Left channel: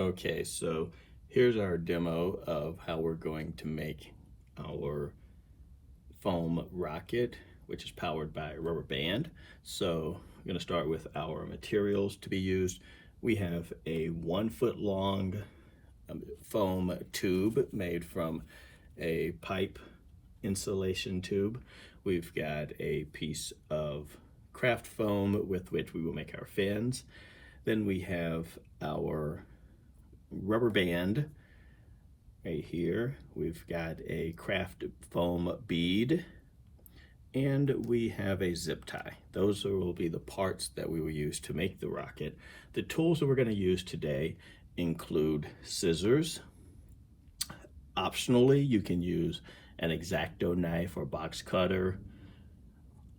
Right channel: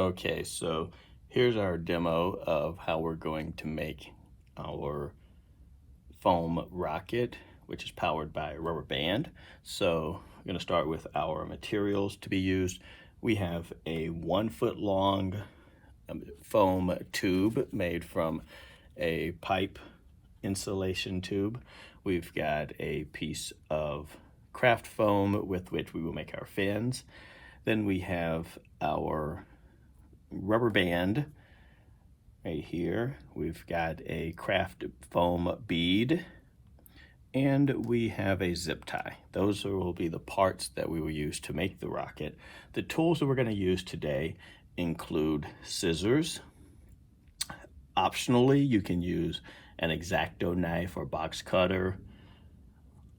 Okay, so here's our demo of how we're going to make our foam rocket, which is powered by a rubber band. So I'm going to start with our materials to be used. We have a 1 foot long foam tube made from a pipe insulation tube. We've got a piece of craft foam with which we will make our fins. Then we have our rubber band right here. We've got a craft foam bead, and we have a zip tie. Those will be the parts that we will use to make the rocket. The tools that we're going to use today include scissors. Optionally, you can use an X-Acto knife or box cutter.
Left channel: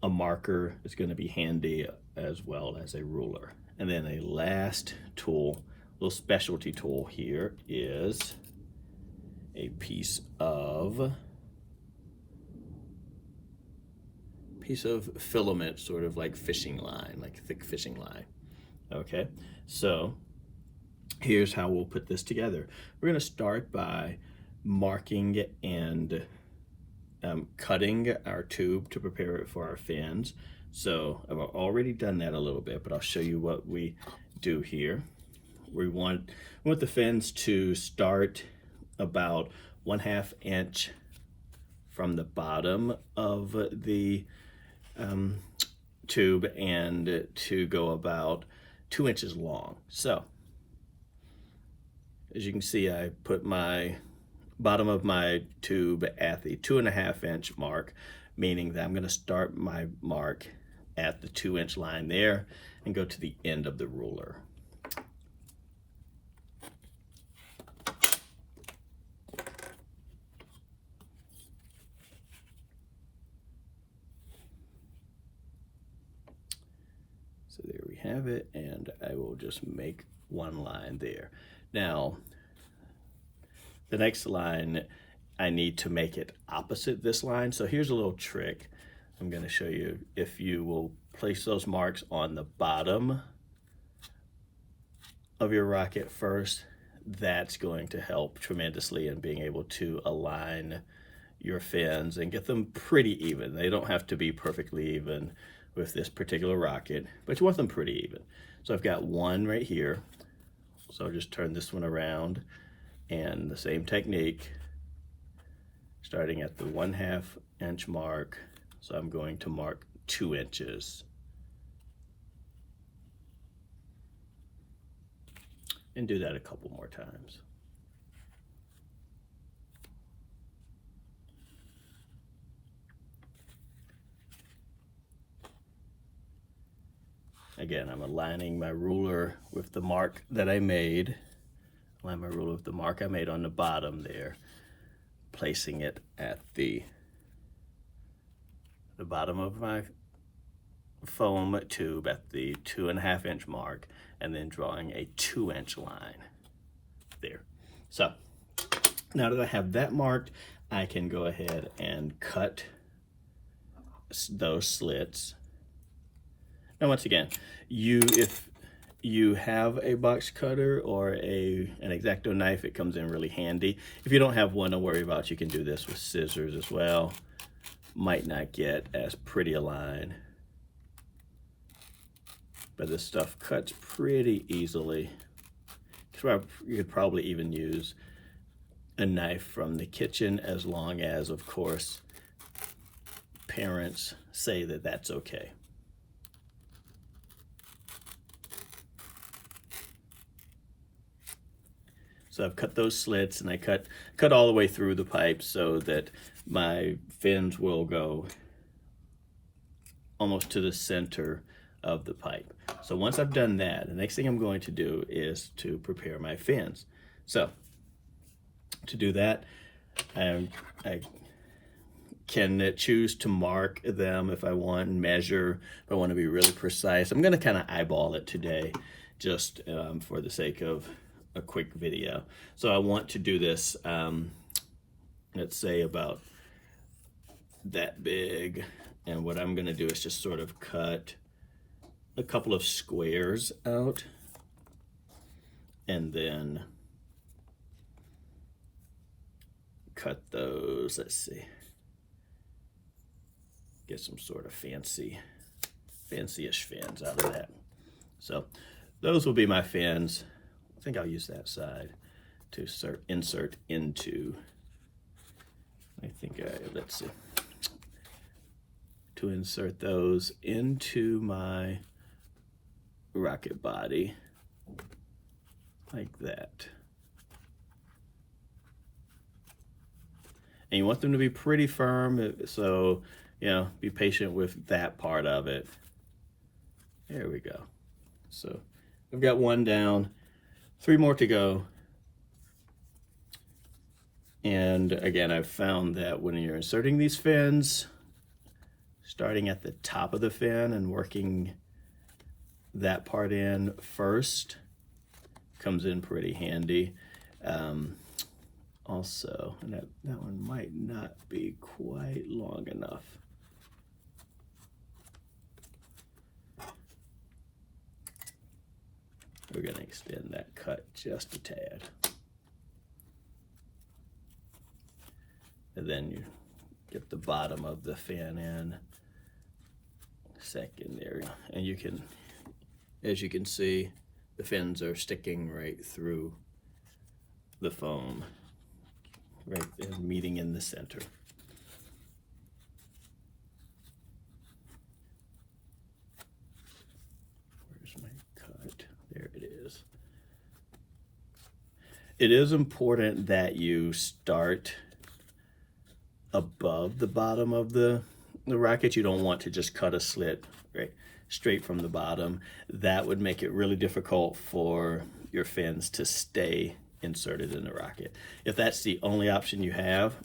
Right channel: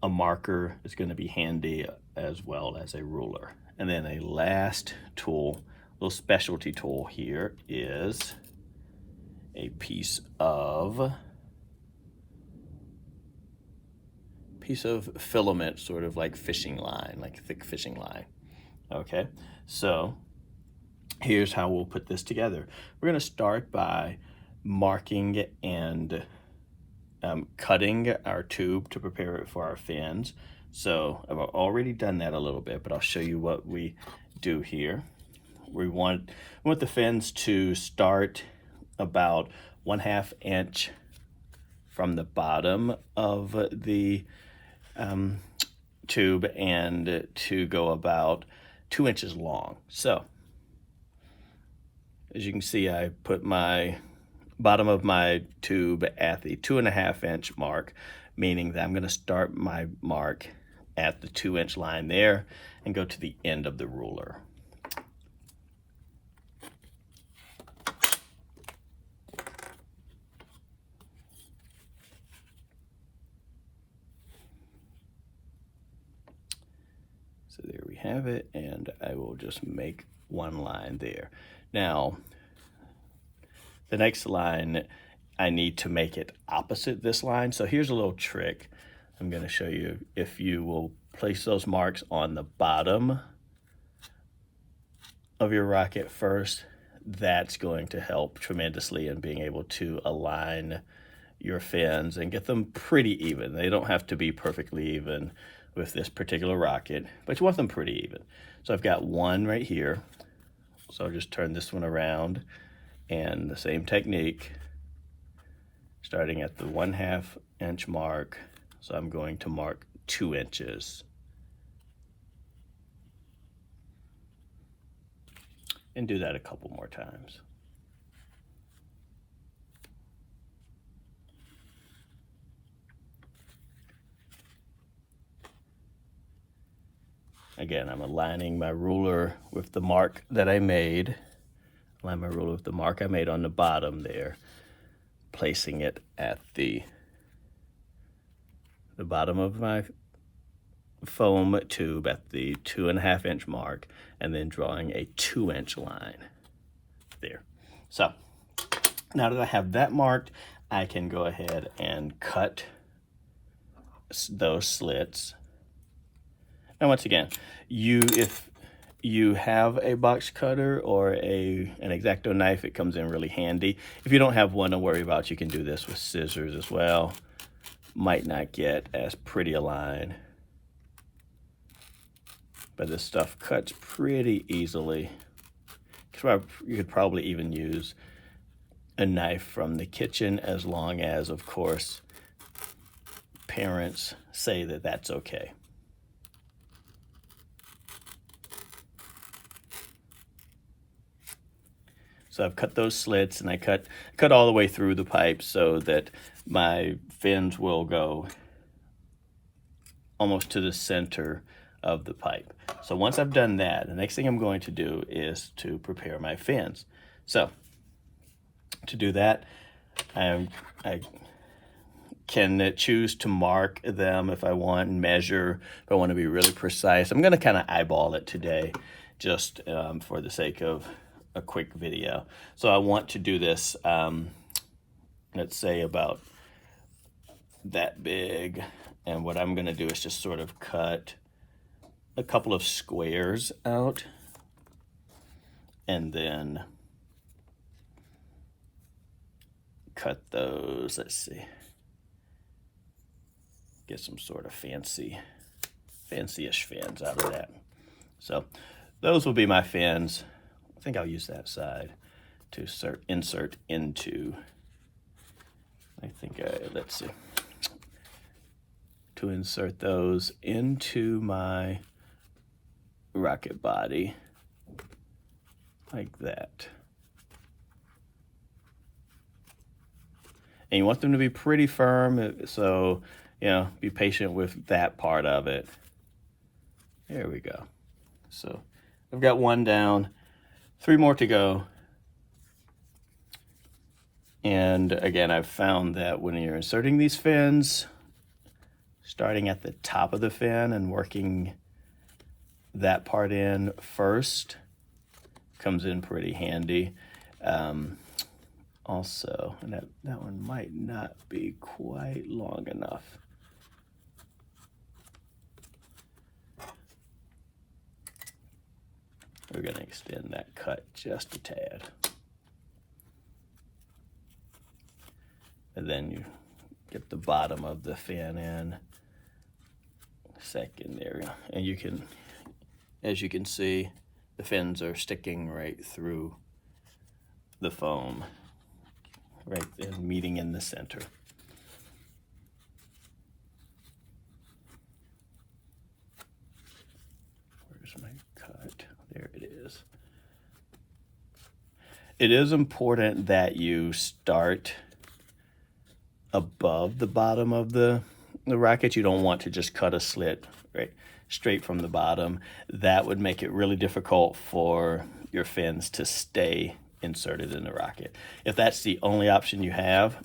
A marker is going to be handy, as well as a ruler. And then a last tool, little specialty tool here, is a piece of filament, sort of like fishing line, like thick fishing line. Okay, so here's how we'll put this together. We're going to start by marking and cutting our tube to prepare it for our fins. So I've already done that a little bit, but I'll show you what we do here. We want the fins to start about 1/2 inch from the bottom of the tube and to go about 2 inches long. So as you can see, I put my bottom of my tube at the 2.5 inch mark, meaning that I'm going to start my mark at the 2 inch line there and go to the end of the ruler. So there we have it, and I will just make one line there. Now, the next line, I need to make it opposite this line. So here's a little trick I'm going to show you. If you will place those marks on the bottom of your rocket first, that's going to help tremendously in being able to align your fins and get them pretty even. They don't have to be perfectly even with this particular rocket, but you want them pretty even. So I've got one right here. So I'll just turn this one around, and the same technique, starting at the 1/2 inch mark. So I'm going to mark 2 inches. And do that a couple more times. Again, I'm aligning my ruler with the mark that I made. Align my ruler with the mark I made on the bottom there, placing it at the bottom of my foam tube at the 2.5 inch mark, and then drawing a 2 inch line there. So now that I have that marked, I can go ahead and cut those slits. Now, once again, if you have a box cutter or an X-Acto knife, it comes in really handy. If you don't have one, don't worry about it. You can do this with scissors as well. Might not get as pretty a line, but this stuff cuts pretty easily. So you could probably even use a knife from the kitchen, as long as, of course, parents say that that's okay. So I've cut those slits, and I cut all the way through the pipe so that my fins will go almost to the center of the pipe. So once I've done that, the next thing I'm going to do is to prepare my fins. So to do that, I can choose to mark them if I want, and measure if I want to be really precise. I'm going to kind of eyeball it today, just for the sake of a quick video. So I want to do this, let's say about that big, and what I'm going to do is just sort of cut a couple of squares out, and then cut those, let's see, get some sort of fancy-ish fins out of that. So those will be my fins. I think I'll use that side to insert into, let's see, to insert those into my rocket body like that. And you want them to be pretty firm, so, you know, be patient with that part of it. There we go. So I've got one down, 3 more to go. And again, I've found that when you're inserting these fins, starting at the top of the fin and working that part in first comes in pretty handy. Also, and that one might not be quite long enough. We're going to extend that cut just a tad. And then you get the bottom of the fin in second there. And you can, as you can see, the fins are sticking right through the foam, right there, meeting in the center. Where's my cut? There it is. It is important that you start above the bottom of the rocket. You don't want to just cut a slit right straight from the bottom. That would make it really difficult for your fins to stay inserted in the rocket. If that's the only option you have,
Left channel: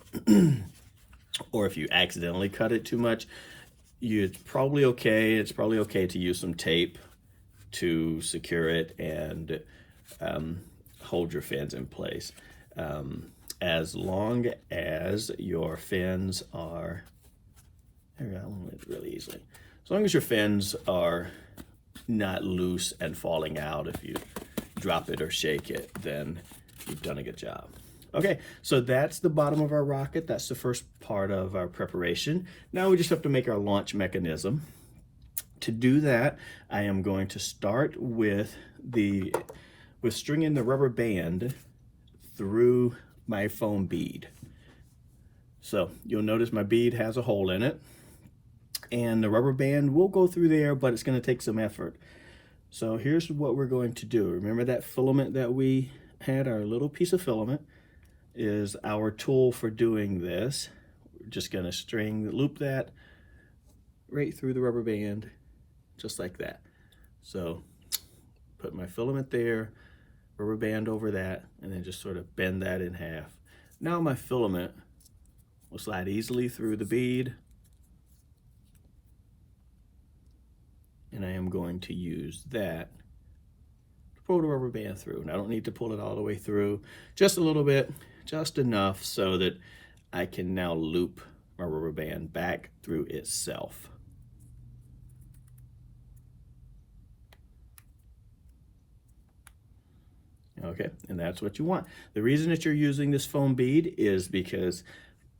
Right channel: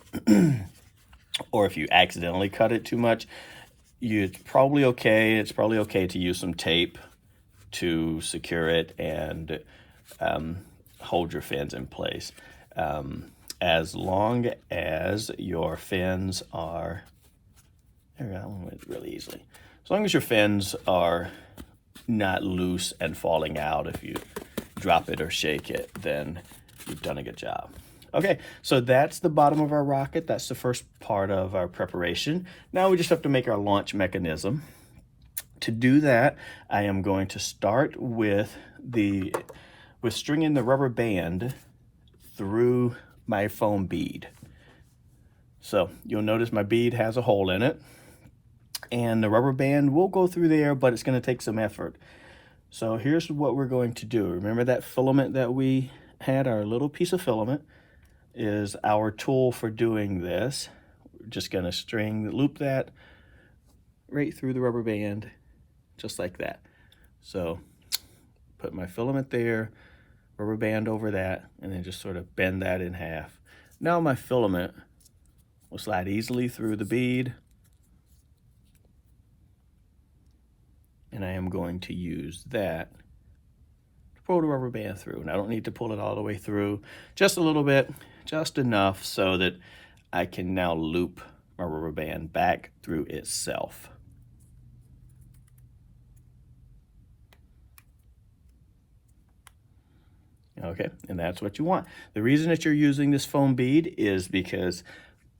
or if you accidentally cut it too much, it's probably okay. It's probably okay to use some tape to secure it and hold your fins in place. As long as your fins are, there we go, that one went really easily. As long as your fins are not loose and falling out, if you drop it or shake it, then you've done a good job. Okay, so that's the bottom of our rocket. That's the first part of our preparation. Now we just have to make our launch mechanism. To do that, I am going to start with stringing the rubber band through my foam bead. So you'll notice my bead has a hole in it, and the rubber band will go through there, but it's going to take some effort. So here's what we're going to do. Remember that filament that we had, our little piece of filament is our tool for doing this. We're just going to loop that right through the rubber band, just like that. So put my filament there, rubber band over that, and then just sort of bend that in half. Now my filament will slide easily through the bead, and I am going to use that to pull the rubber band through. And I don't need to pull it all the way through, just a little bit, just enough so that I can now loop my rubber band back through itself. Okay, and that's what you want. The reason that you're using this foam bead is because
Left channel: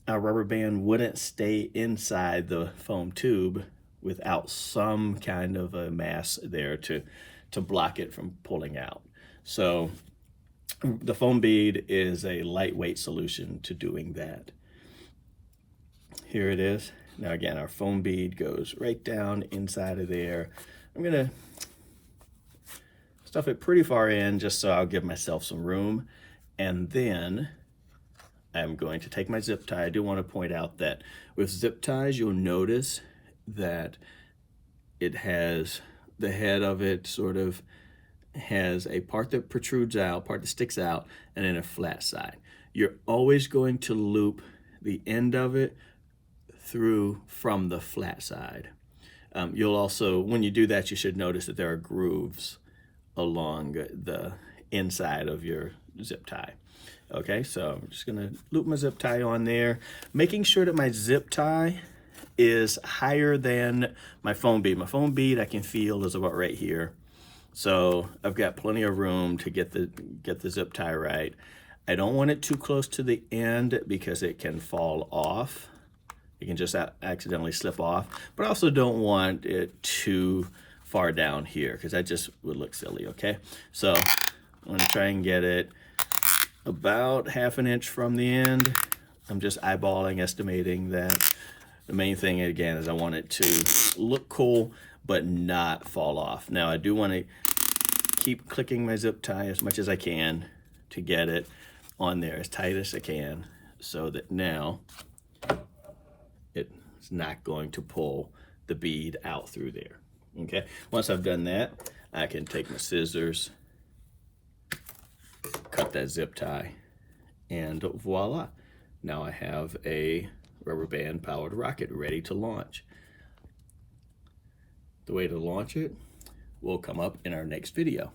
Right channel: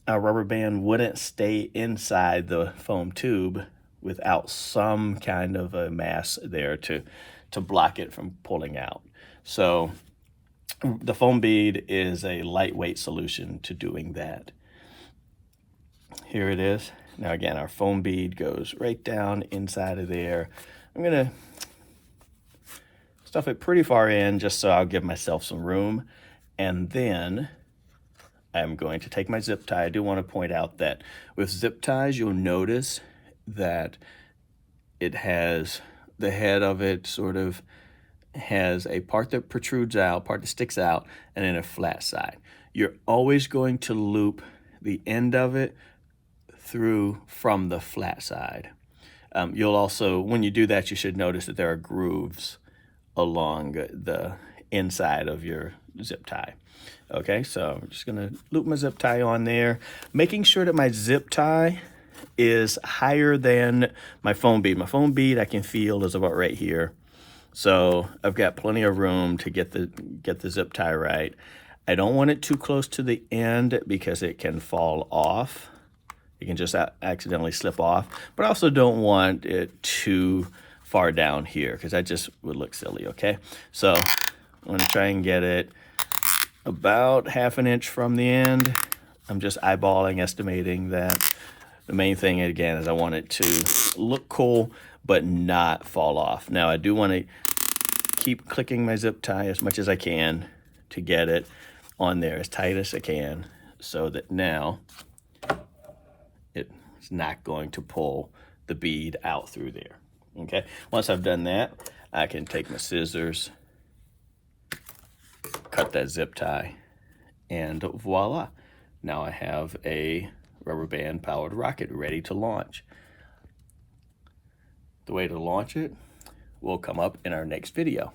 a rubber band wouldn't stay inside the foam tube without some kind of a mass there to block it from pulling out. So the foam bead is a lightweight solution to doing that. Here it is. Now again, our foam bead goes right down inside of there. I'm gonna stuff it pretty far in just so I'll give myself some room. And then I'm going to take my zip tie. I do want to point out that with zip ties, you'll notice that it has, the head of it sort of has a part that protrudes out, part that sticks out, and then a flat side. You're always going to loop the end of it through from the flat side. You'll also, when you do that, you should notice that there are grooves along the inside of your zip tie. Okay, so I'm just gonna loop my zip tie on there, making sure that my zip tie is higher than my foam bead. My foam bead I can feel is about right here. So I've got plenty of room to get the zip tie right. I don't want it too close to the end because it can fall off. It can just accidentally slip off, but I also don't want it too far down here because that just would look silly, okay? So I'm gonna try and get it about 1/2 inch from the end. I'm just eyeballing, estimating that. The main thing, again, is I want it to look cool, but not fall off. Now, I do want to keep clicking my zip tie as much as I can to get it on there as tight as I can so that now it's not going to pull the bead out through there. Okay, once I've done that, I can take my scissors, cut that zip tie, and voila. Now I have a rubber band powered rocket ready to launch. The way to launch it will come up in our next video.